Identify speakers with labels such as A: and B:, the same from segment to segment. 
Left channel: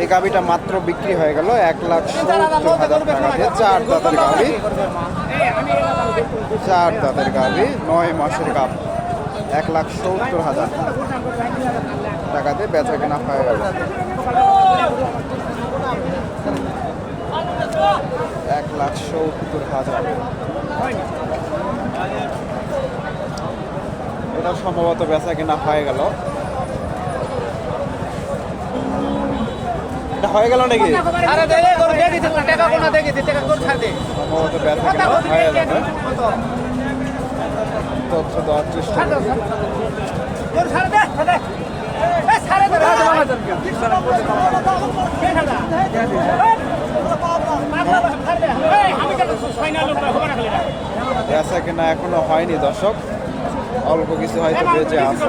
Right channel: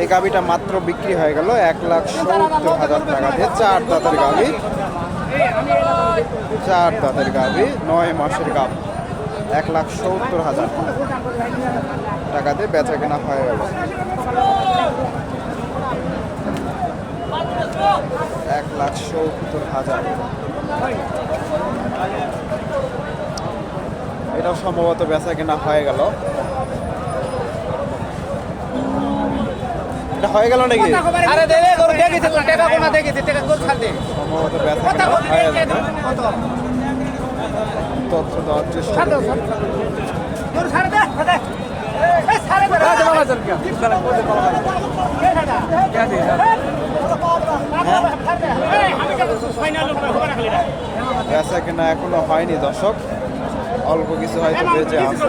A: এই গাবিটা মাত্র বিক্রি হয়ে গেল এক লাখ সত্তর হাজার টাকা দিয়ে চার দাঁতের গাবি চার দাঁতের গাবি নয় মাসের গাব এক লাখ সত্তর হাজার টাকা দিয়ে বেচা কেনা হয়ে গেল। এক লাখ সত্তর হাজার। এটাও সম্ভবত বেচা কেনা হয়ে গেল। এটা হয়ে গেল নাকি? সম্ভবত কেনা? হয়ে যাবে তথ্য দেওয়ার চেষ্টা করি বেচা কেনা? এখনও হয়নি দর্শক। অল্প কিছু হয়তো বেঁচে আছে।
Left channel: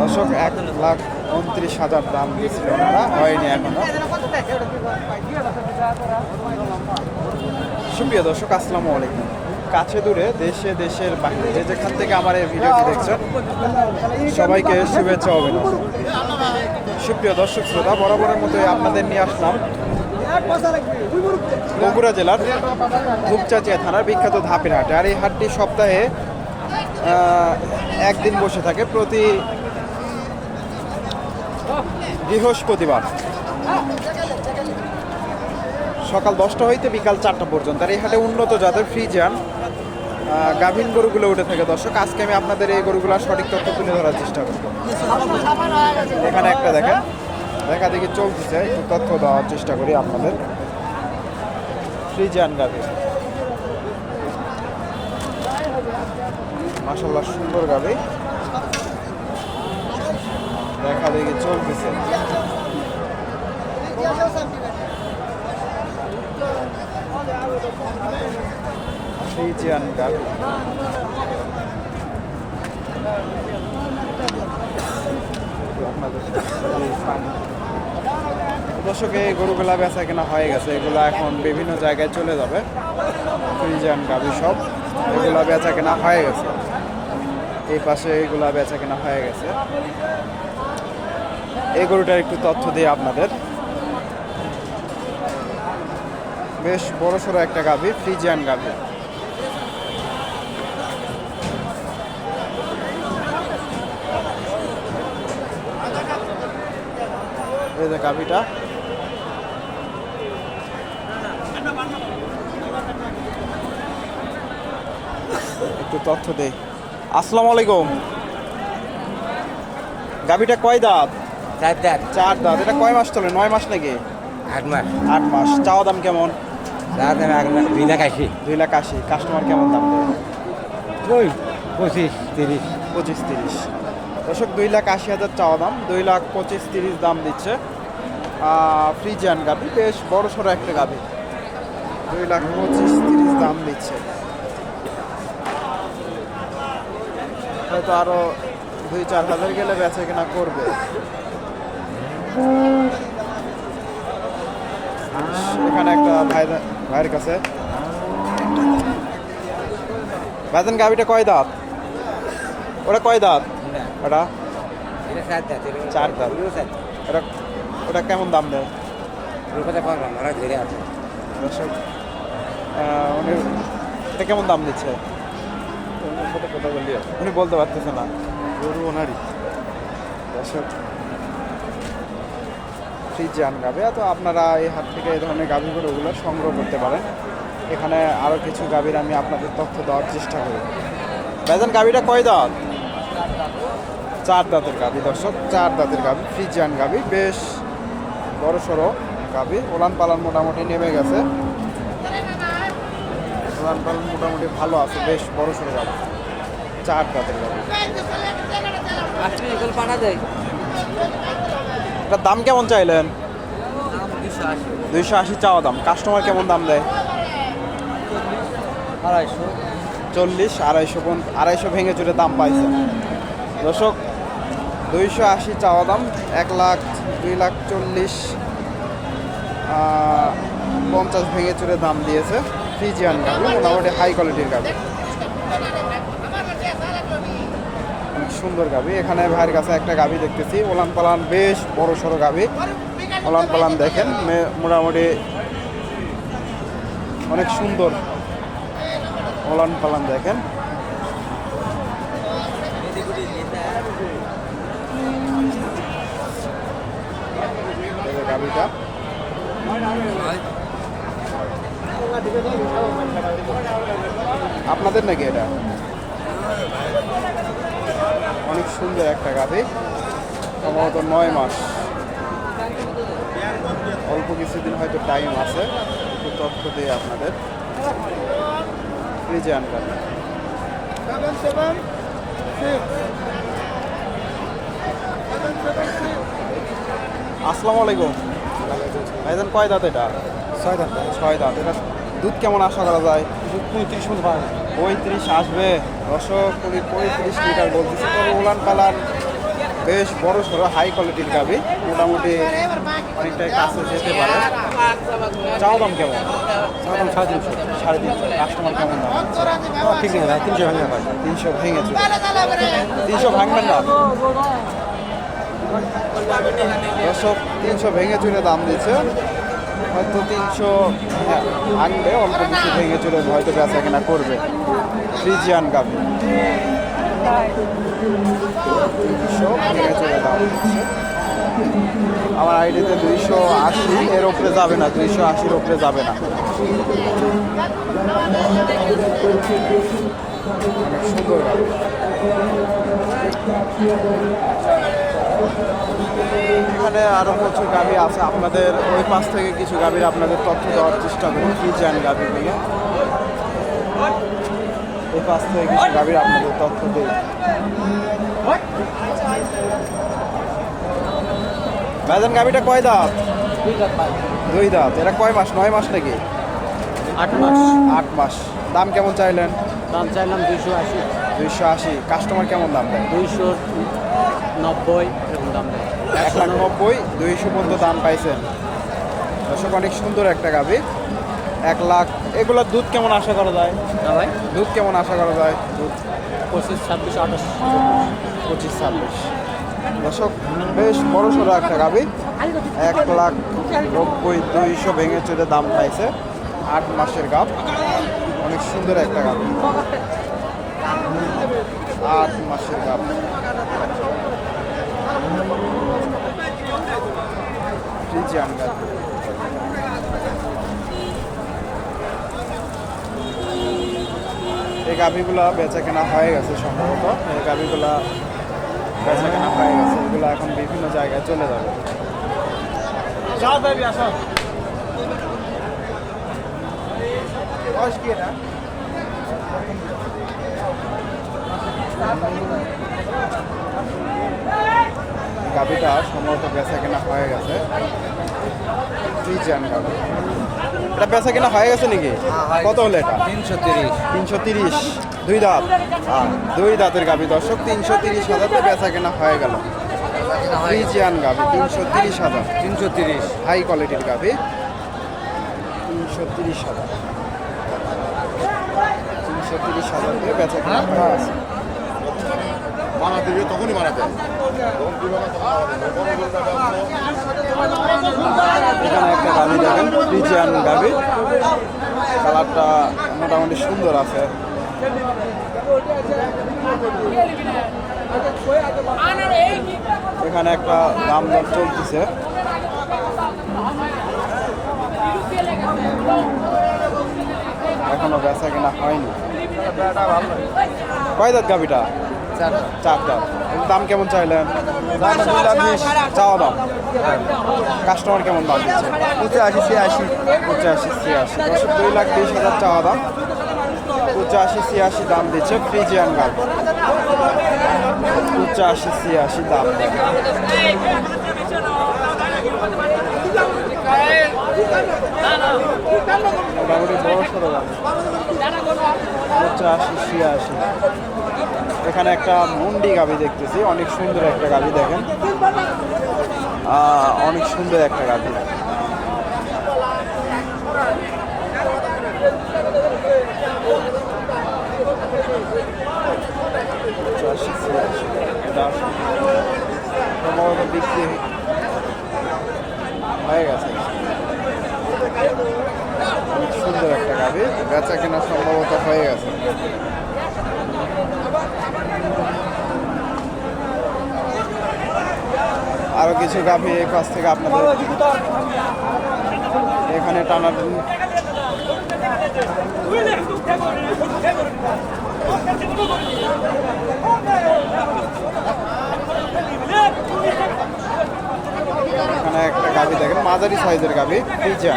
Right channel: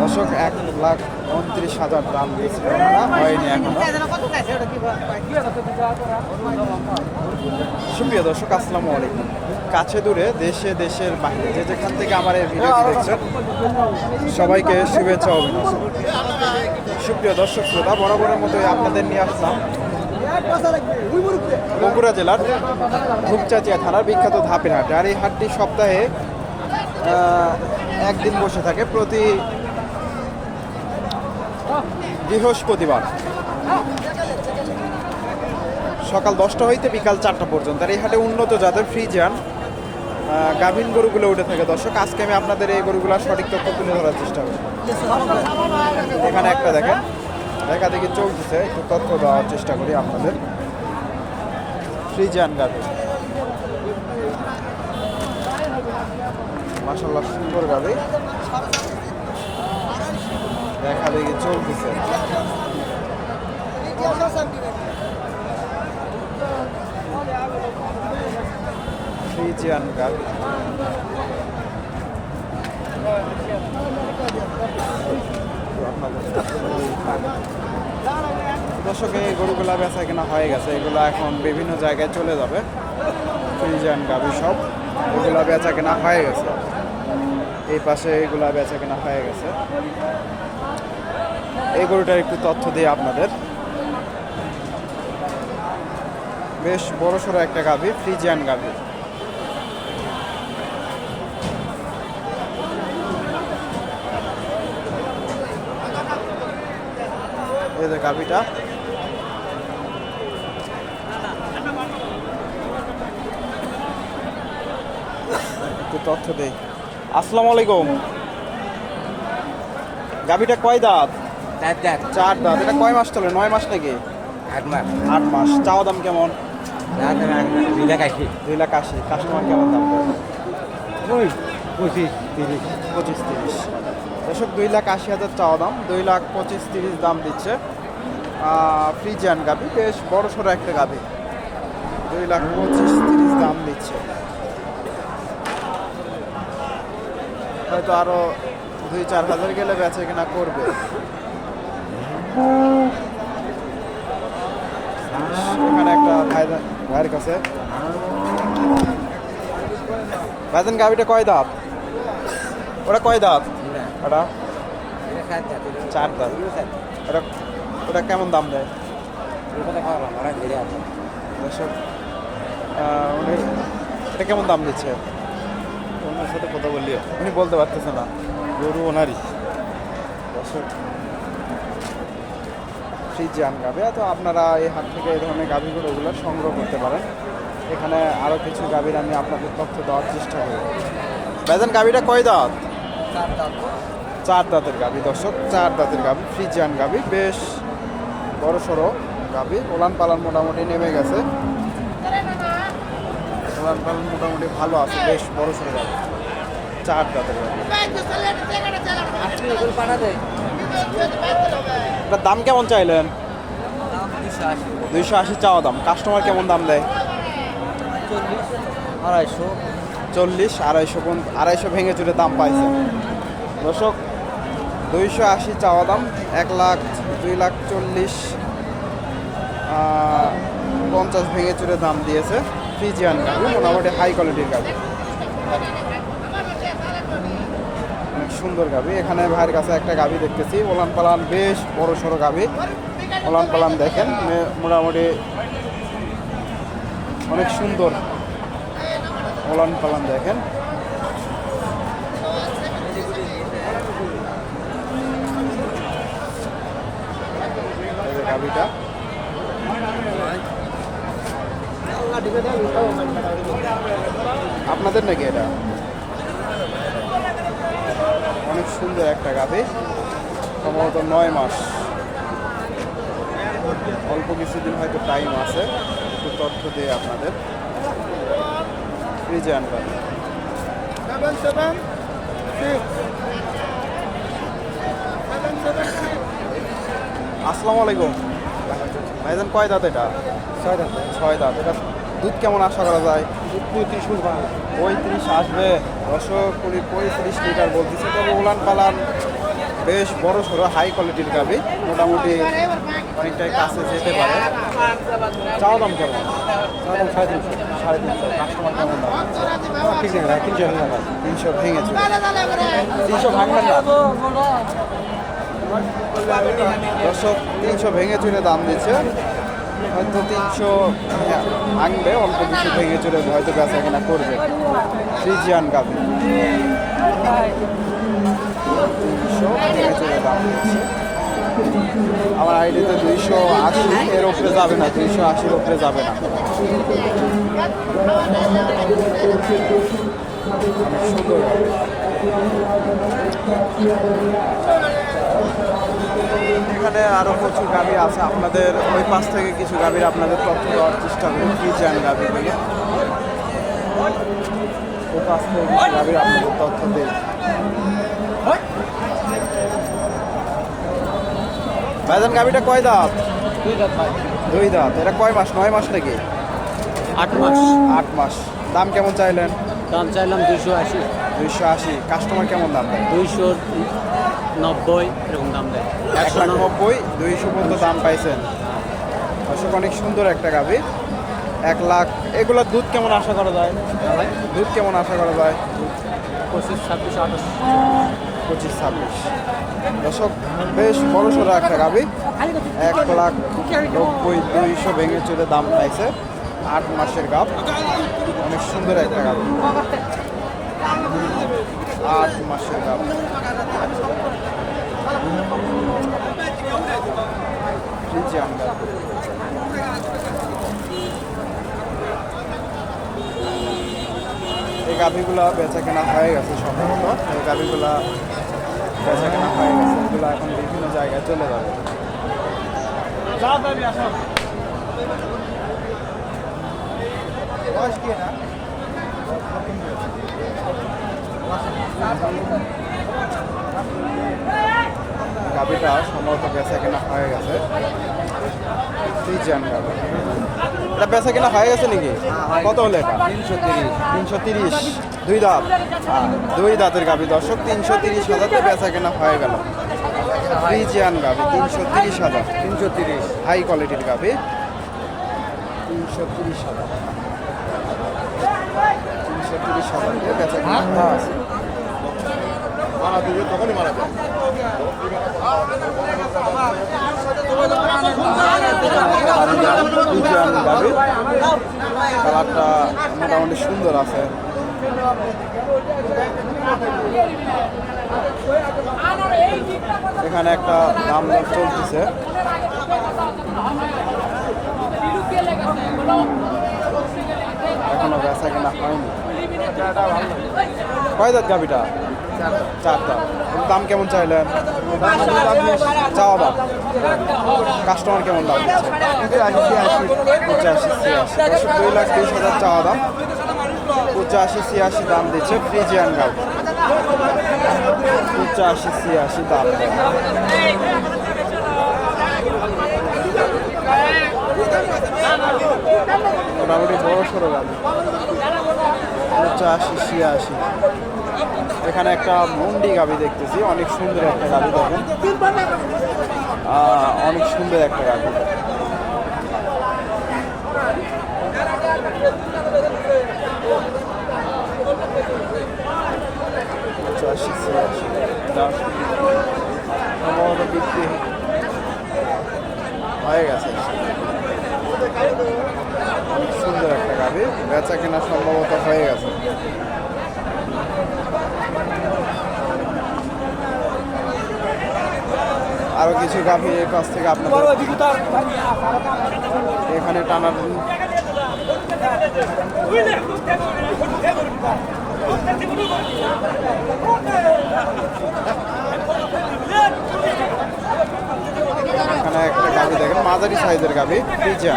A: দর্শক, এক লাখ উনত্রিশ হাজার দাম দিয়েছিল ওনারা, হয়নি এখনও। সুপ্রিয় দর্শক, আসসালামু আলাইকুম। কাছে দূরে, দেশে, দেশের বাইরে, যে যেখান থেকে আমার এই ভিডিওটি দেখছেন, সবাইকে শুভেচ্ছা অভিনন্দন। সুপ্রিয় দর্শক, শ্রোতা, বরাবরের মতোই আপনাদের নিয়ে আসলাম বগুড়া জেলার ধূপচাচিয়া থানার বিখ্যাত ধাপের হাটে আর এই হাটটি সপ্তাহে একদিন বসে থাকে প্রতি বৃহস্পতিবার। সকাল দশটা হইতে বিকাল চারটা পর্যন্ত। আর এই হাটে উন্নত জাতের ফ্রিজিয়ান গাভীন গরুগুলো উঠে থাকে। দর্শক, আজকে আমি আপনাদের এই গরুগুলোর সঠিক তথ্য তুলে ধরার চেষ্টা করব। এখানে একটা দেখেন। দেখা দেখি চলতেছে। একটু তথ্য দেওয়ার চেষ্টা করি আপনাদের। ফ্রিজিয়ান গাভী মাসাল্লাহ সুন্দর গাভী দেখা দেখি চলতেছে। ফ্রিজিয়ান দর্শক, এই গরুগুলা বেচা কেনা হয়ে গেছে। এগুলো এখন বিভিন্ন জায়গায় চলে যাবে। ফ্রিজিয়ান গাভী সব। এগুলা বেচা কেনা হয়ে গেছে। এই পাশে এগুলা বেচা কেনা হয়ে গেছে। এই গরুটার একটু তথ্য দিই আপনাদের। বেশ বড় সড়ো একটা গাভী, ফ্রিজিয়ান গাভী। এই যে গাভীটা। একটু তথ্য দেই। আসসালামু আলাইকুম। গাভীটা কয় দাঁত?
B: চার
A: দাঁত। এটা কয় মাস চলে? নয় মাস নাকি?
B: আট মাস।
A: আট মাস। চাওয়া দাম কেমন?
B: দুই লাখ আশি।
A: দুই লাখ আশি। কাস্টমার কেমন দাম
B: পঁচিশ তিরিশ।
A: পঁচিশ তিরিশ। দর্শক দুই লাখ আশি হাজার চাওয়া দাম। দুই লাখ পঁচিশ তিরিশ দাম দিচ্ছে। ফ্রিজিয়ান গাভি। বেশ বড় সড়ো একটা গাভি। দুই লাখ পঁচিশ তিরিশ দাম দিচ্ছে। হয়তো আরও দুই, চার হাজার গেলে বেচে কিনা করবে। এখানে একটা ভাই ভাইয়ের কাছে। ভাইজান, গাভিটা কয় দাঁত? ওটা কয় দাঁত? ওটা? চার দাঁত। ওটা ওটা কেমন দাম দেয়? উনি এটা কেমন দাম দিচ্ছে?
C: সাথে কথা বললি
A: উনি বলতে পারতেছে না।
C: গরু ওনারই।
A: দর্শক ফ্রিজিয়ান গাভি। তো আপনারা এই হাট থেকে এই ধরনের গাভি গরুগুলো সংগ্রহ করতে পারেন। এখানে আরও কিছু গাভীর আমি আপনাদের তথ্য দেওয়ার চেষ্টা করি। ভাইজান গাভীটা কয় দাঁত? চার দাঁতের গাভি দর্শক চার দাঁতের গাভি ফ্রিজিয়ান গাভী বেশ বড় সড়ো গাভী। ওলান পালান মোটামুটি নেমে গেছে। উলান পালান মোটামুটি ভালো আছে, বেশ বড় সড়ো গাবি চার দাঁতের গাবি এটার দাম কেমন চাইলেন? দুইশো আশি চাওয়া দাম। কাস্টমার কেমন দাম দেয়?
B: আড়াইশো
A: চল্লিশ, আড়াইশো পর্যন্ত, আড়াইশো ভেঙে চুরে দাম পাইছে। দর্শক, দুইশো আশি চাওয়া দাম, এক লাখ, দুই লাখ চল্লিশ পঞ্চাশ ভেঙে চুরে দাম দিয়েছে। ফ্রিজিয়ান গাভি, মোটামুটি হাই কোয়ালিটির গাভি। অনেক সুন্দর গাভি। এখানে ভাইয়ের কাছে একটা গাভি দেখতেছি। ওলান পালান বেশ বড় সড়ো গাভি। ওলান পালান দেখেন মোটামুটি অনেক সুন্দর ওলান পালান দেখেন। গাভিটা। আপনাদের নাকি এটা? অনেক সুন্দর একটা গাভি। সম্ভবত নয় মাস। অল্প কিছুদিন হয়তো টাইম আছে। একটু তথ্য দিয়ে আপনাদের। ফ্রিজে
B: সেভেন
A: আসসালামু আলাইকুম। ভাইজান কয় দাঁত এটা?
B: ছয় দাম
A: ছয় দাঁত। এটা দুধ কেমন আশা করা যায়?
B: পঁয়ত্রিশ মিনিট ভাঙা
A: পঁয়ত্রিশ আসবে। দশক কুড়ি পঁয়ত্রিশ লিটার বলতেছে তবে উলান পালান বেশ বড় সড়ো হাই কোয়ালিটির গাবি। মোটামুটি অনেকটাই কাছে যেতে পারে। চাও দাম কেমন?
B: সাড়ে তিনশো।
A: সাড়ে তিনশো কাস্টমার কেমন দাম?
B: ঠিক আছে তিনশো
A: তিনশো ভেঙে চলে তিনশো ভাঙবেন না? তিনশো ভেঙে চুরে দাম দিচ্ছে। হয়তো তিনশো হ্যাঁ, ভাঙবে অল্প কিছু ভেঙে চলে হয়তো বেচা কেনা করবে। ফ্রিজিয়ান গাভি। তিনশো ভেঙে চলে দাম আমার আইডিতে দুইশো আশি এর উপরে যাবে না দুইশো আশির উপরে যাবে না। অনেক সুন্দর গাভি। এখানে আরও প্রচুর গাভি আছে। আপনাদের ওই পাশ থেকে কিছু গাভীর আপনাদের তথ্য দেওয়ার চেষ্টা করি। কি চান গাভীগুলো? ওই পাশ থেকে কিছু গাভীর আপনাদের তথ্য দেই। ভাইজান গাভীটা কয় দাঁত? দুই দাঁত। এটা কয় মাস? নয় মাস নাকি?
B: আট মাস।
A: আট মাস। দাম কেমন চাইলেন?
B: দাম চাইলাম দুইশো আশি।
A: দুইশো আশি। কাস্টমার কেমন দাম দেয়?
B: দুইশো নব্বই এরকম দাম দেয়।
A: এক লাখ নব্বই দুইশো পর্যন্ত দাম পাইছেন। দর্শক অনেক সুন্দর একটা গাভি এক লাখ এগুলোর দুধ কেমন আশা করা যায়? দুধ কেমন আশা করা যায়?
B: পঁচিশ ছাব্বিশ আঠাশ।
A: পঁচিশ ছাব্বিশ। দর্শক বেশ বড় সড়ো একটা গাভি এক লাখ নব্বই দুইশো ভেঙে চলে দাম পাইছে আট মাসের গাভ অনেক সুন্দর একটা গাভি আট মাসের গাভ ফ্রিজিয়ান গাভি এই গাভিগুলা বেচা কেনা হয়ে গেছে সম্ভবত। এই গাভিগুলা বেচা কেনা হয়ে গেছে। এগুলো এখন বিভিন্ন জায়গায় চলে যাবে। বয়স কি এটা? গাভিটা সম্ভবত বেচা কেনা হয়ে গেছে। ফ্রিজিয়ান গাভি। এটা বেচা কেনা হয়ে গেছে নাকি? কত হলো এটা?
B: তিনশো তিরিশ।
A: তিনশো তিরিশ। দুই দাঁত। দুই দাঁতের গাভি। দর্শক তিনশো তিরিশ হাজারতে বেচা কেনা হয়ে গেল। ফ্রিজিয়ান গাভি তিনশো তিরিশ হাজার।
B: তিনশো তিরিশ।
A: হাই কোয়ালিটির গাভি। তিনশো তিরিশ হাজার। তিনশো তিরিশ হাজার দিয়ে বেচা কেনা হয়ে গেছে। ফ্রিজিয়ান গাভি। কালারটা মোটামুটি সুন্দর আছে। এখানে একটা দাম দর চলতেছে। এখনও বেচা কেনা হয়নি। কয় দাঁত গাভিটা? চার এর দাম কেমন চাইলেন? চাওয়া দাম। কাস্টমার কেমন দাম দিচ্ছে? পঁচাশি ছিয়াশি। দুই লাখ বিশ হাজার চাওয়া দাম। পঁচাশি ছিয়াশি দাম দিচ্ছে ফ্রিজিয়ান গাল পঁচাশি ছিয়াশি দাম দেয়। মোটামুটি বড় সড়ো গাড়ি। পঁচাশি ছিয়াশি। এখানে একটা মুন্ডি গাবি দেখতেছি, অনেক সুন্দর একটা গাবি দেখেন। অনেক সুন্দর একটা গাবি। এটা সম্ভবত হয়ে গেছে। অনেক সুন্দর একটা গাবি। বেচা কেনা সম্ভবত হয়ে গেছে। আরও কিছু গাভী এই পাশ থেকে আপনাদের এখানে টানা এখানে একটা গাভী দেখেন মাঝারি সাইজের গাভী রিচা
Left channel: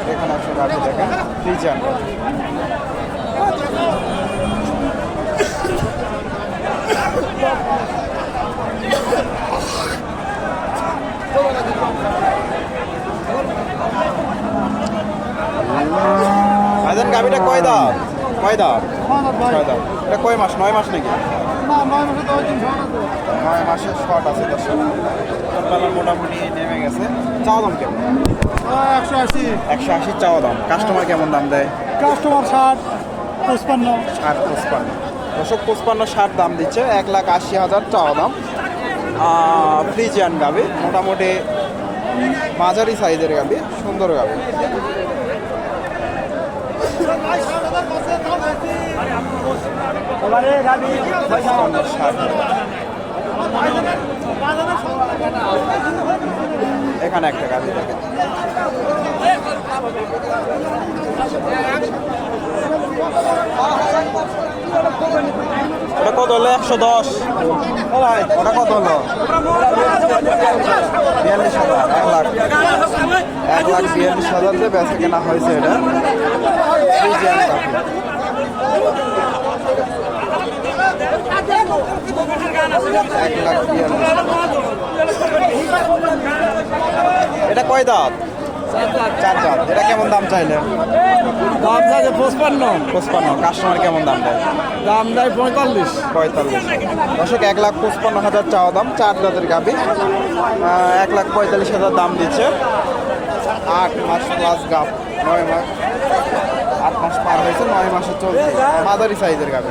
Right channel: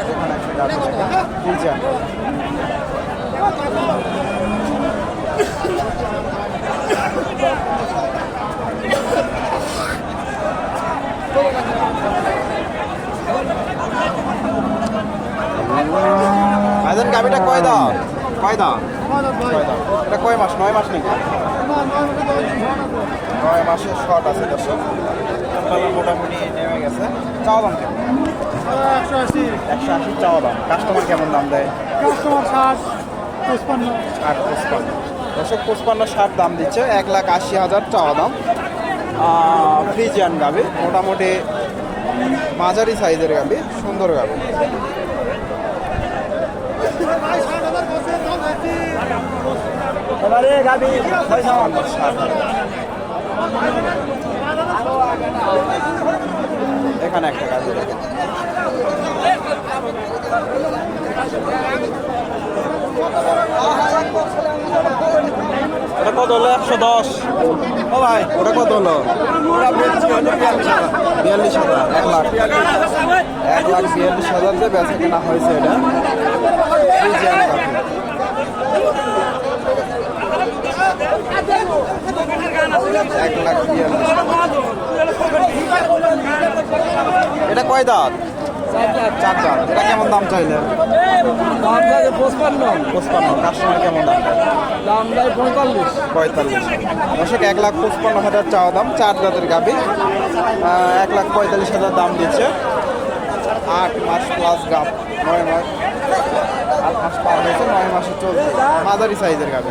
A: এখানে রিচা আজান কয় দাম কয় দাম কয় দাম এটা কয় মাস? নয় মাস নাকি? নয় মাসের শর্ট আছে দর্শক। সকালে মোটামুটি নেমে গেছে। চাওয়া দাম কেমন?
B: একশো আশি
A: একশো আশি চাওয়া দাম। কাস্টমার কেমন দাম দেয়?
B: কাস্টমার ষাট পঁচপান্ন।
A: ষাট পঁচপান্ন দশক পঁচপান্ন ষাট দাম দিচ্ছে। এক লাখ আশি হাজার চাওয়া দাম। ফ্রিজিয়ান গাবি মোটামুটি মাঝারি সাইজের গাবি সুন্দর গাবি ষাট এখানে একটা গাবি দেখেন। ওটা কত হলো? একশো দশ। ওটা কত হলো? বিয়াল্লিশ হাজার, এক লাখ। এক লাখ বিয়াল্লিশ হাজার দিয়ে বেচা কেনা হয়েছে এটা। এক লাখ এটা কয় দাঁত? চার দাঁত। এটা কেমন দাম চাইলে? কাস্টমার কেমন দাম
B: পঁয়তাল্লিশ।
A: পঁয়তাল্লিশ এক লাখ পঁচপান্ন হাজার চাওয়া দাম, চার দাঁতের গাবি এক লাখ পঁয়তাল্লিশ হাজার দাম দিচ্ছে। আট মাস প্লাস গাব নয় মাস আট মাস পার হয়েছে, নয় মাসে চলছে। মাদারি সাইজের গাবি